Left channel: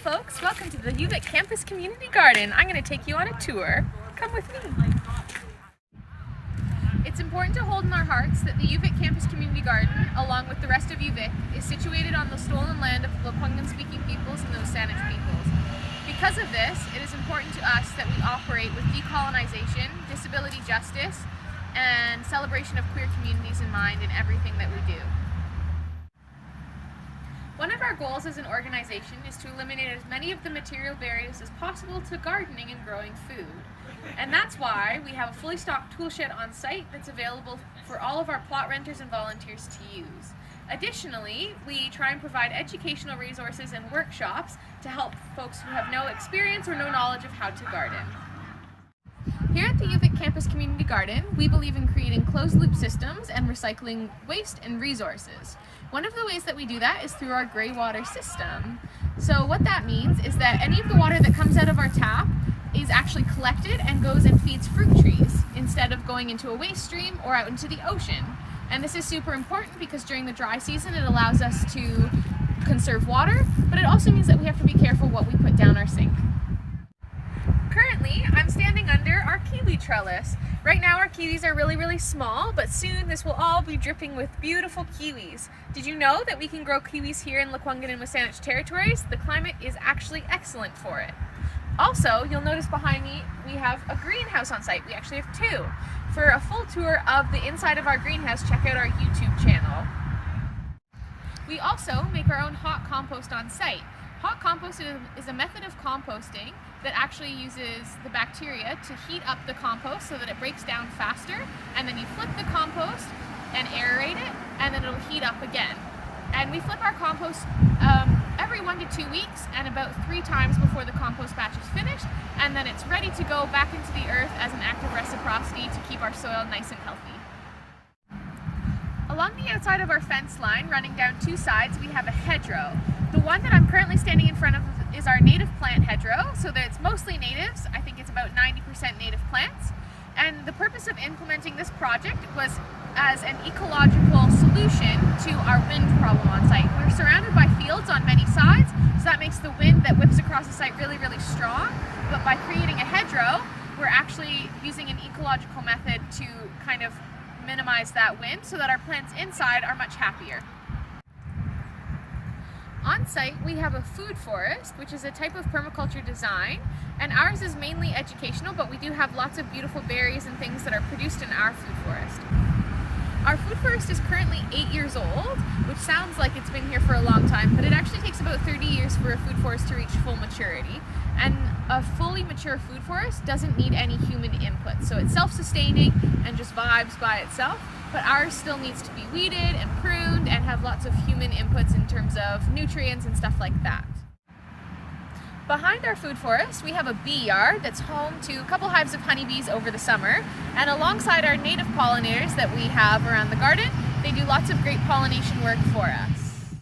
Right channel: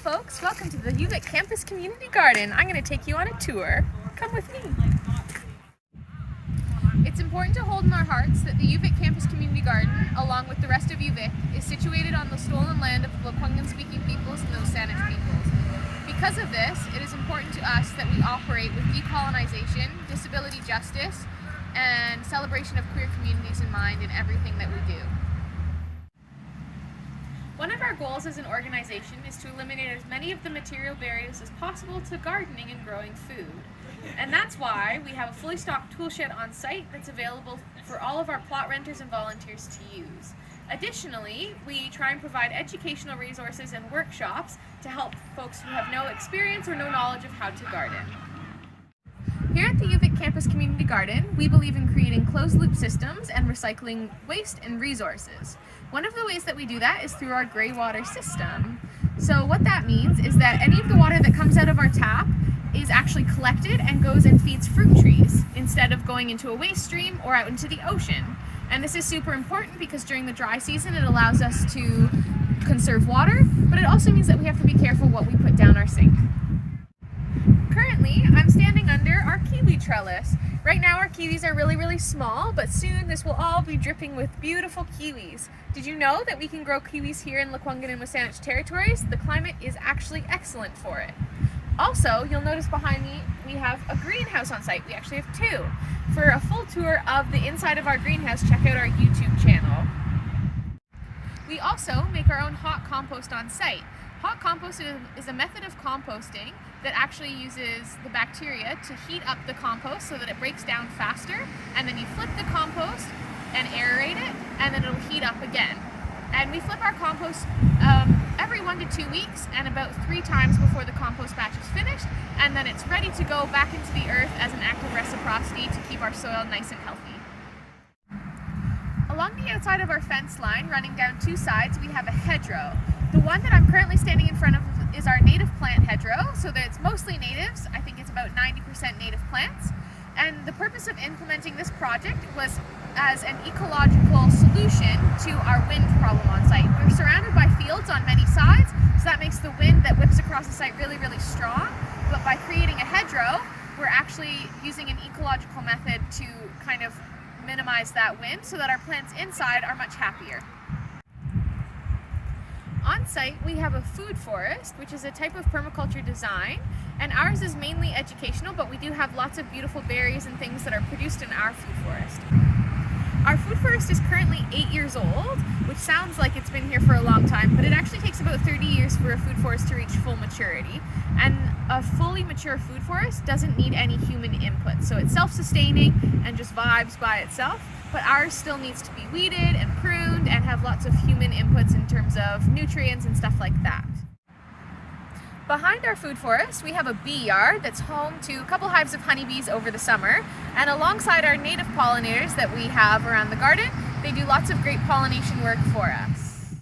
folks, welcome to the UVic Campus Community Garden. I'm going to take you on a tour. Come with me. It's important to hold in our hearts that the UVic Campus Community Garden, along with the rest of UVic, is situated on the stolen land of the Lekwungen-speaking peoples and those Saanich peoples. Because of this, it is important to us that we operate with decolonization, disability justice, and celebration of queer communities in mind in everything that we do. One of our goals as an organization is to eliminate as many of the material barriers as possible to gardening and growing food. And that's why we have a fully stocked tool shed on site that's available for all of our plot renters and volunteers to use. Additionally, we try and provide educational resources and workshops to help folks who have no experience or no knowledge of how to garden. Here at the UVic Campus Community Garden, we believe in creating closed-loop systems and recycling waste and resources. One of the ways that we do that is through our gray water system. So what that means is that any of the water that comes out of our tap is actually collected and goes and feeds fruit trees instead of going into a waste stream or out into the ocean. And this is super important because during the dry season it allows us to conserve water, but it also means that we have to be careful what we put down our sink. Currently, I'm standing under our Kiwi Trellis. Right now our kiwis are really small, but soon this will all be dripping with beautiful kiwis. Did you know that we can grow kiwis here in Lekwungen and Saanich territories? The climate is actually excellent for it. Also, you'll notice behind me we have a greenhouse on site. We actually have two. For a full tour of the inside of our greenhouse, check out our YouTube channel. We also make our own hot compost on site. Hot compost is a method of composting that actually uses the bacteria to heat up the compost so that it breaks down faster, and then you flip the compost and aerate it, and then it'll heat up again. And we flip our compost every 1 to 2 weeks and about 3 times before the compost batch is finished, and then it's ready to go back into the earth as an act of reciprocity to keep our soil nice and healthy. Along the outside of our fence line, running down 2 sides, we have a hedgerow. The one that I'm currently standing in front of is our native plant hedgerow, so that it's mostly natives. I think it's about 90% native plants. And the purpose of implementing this project was as an ecological solution to our wind problem on site. We're surrounded by fields on many sides, so that makes the wind that whips across the site really strong. But by creating a hedgerow, we're actually using an ecological method to kind of minimize that wind so that our plants inside are much happier. On site, we have a food forest, which is a type of permaculture design, and ours is mainly educational, but we do have lots of beautiful berries and things that are produced in our food forest. Our food forest is currently 8 years old, which sounds like it's been here for a long time, but it actually takes about 30 years for a food forest to reach full maturity. And a fully mature food forest doesn't need any human input, so it's self-sustaining and just vibes by itself. But ours still needs to be weeded and pruned and have lots of human inputs in terms of nutrients and stuff like that. Behind our food forest, we have a bee yard that's home to a couple hives of honeybees over the summer. And alongside our native pollinators that we have around the garden, they do lots of great pollination work for us.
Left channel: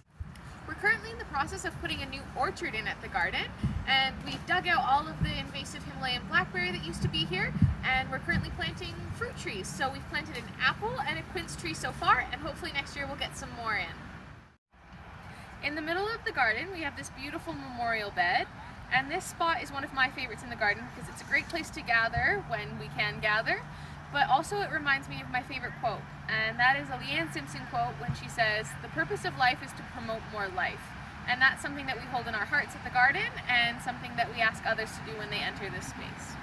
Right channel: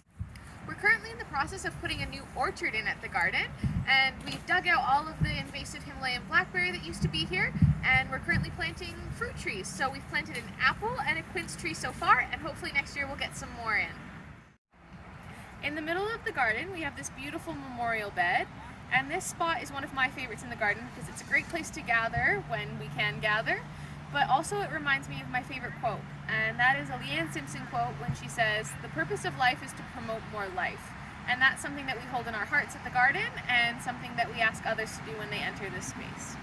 We're currently in the process of putting a new orchard in at the garden, and we've dug out all of the invasive Himalayan blackberry that used to be here, and we're currently planting fruit trees. So we've planted an apple and a quince tree so far, and hopefully next year we'll get some more in. In the middle of the garden, we have this beautiful memorial bed, and this spot is one of my favorites in the garden because it's a great place to gather when we can gather, but also it reminds me of my favorite quote, and that is a Leanne Simpson quote when she says, "The purpose of life is to promote more life." And that's something that we hold in our hearts at the garden and something that we ask others to do when they enter this space.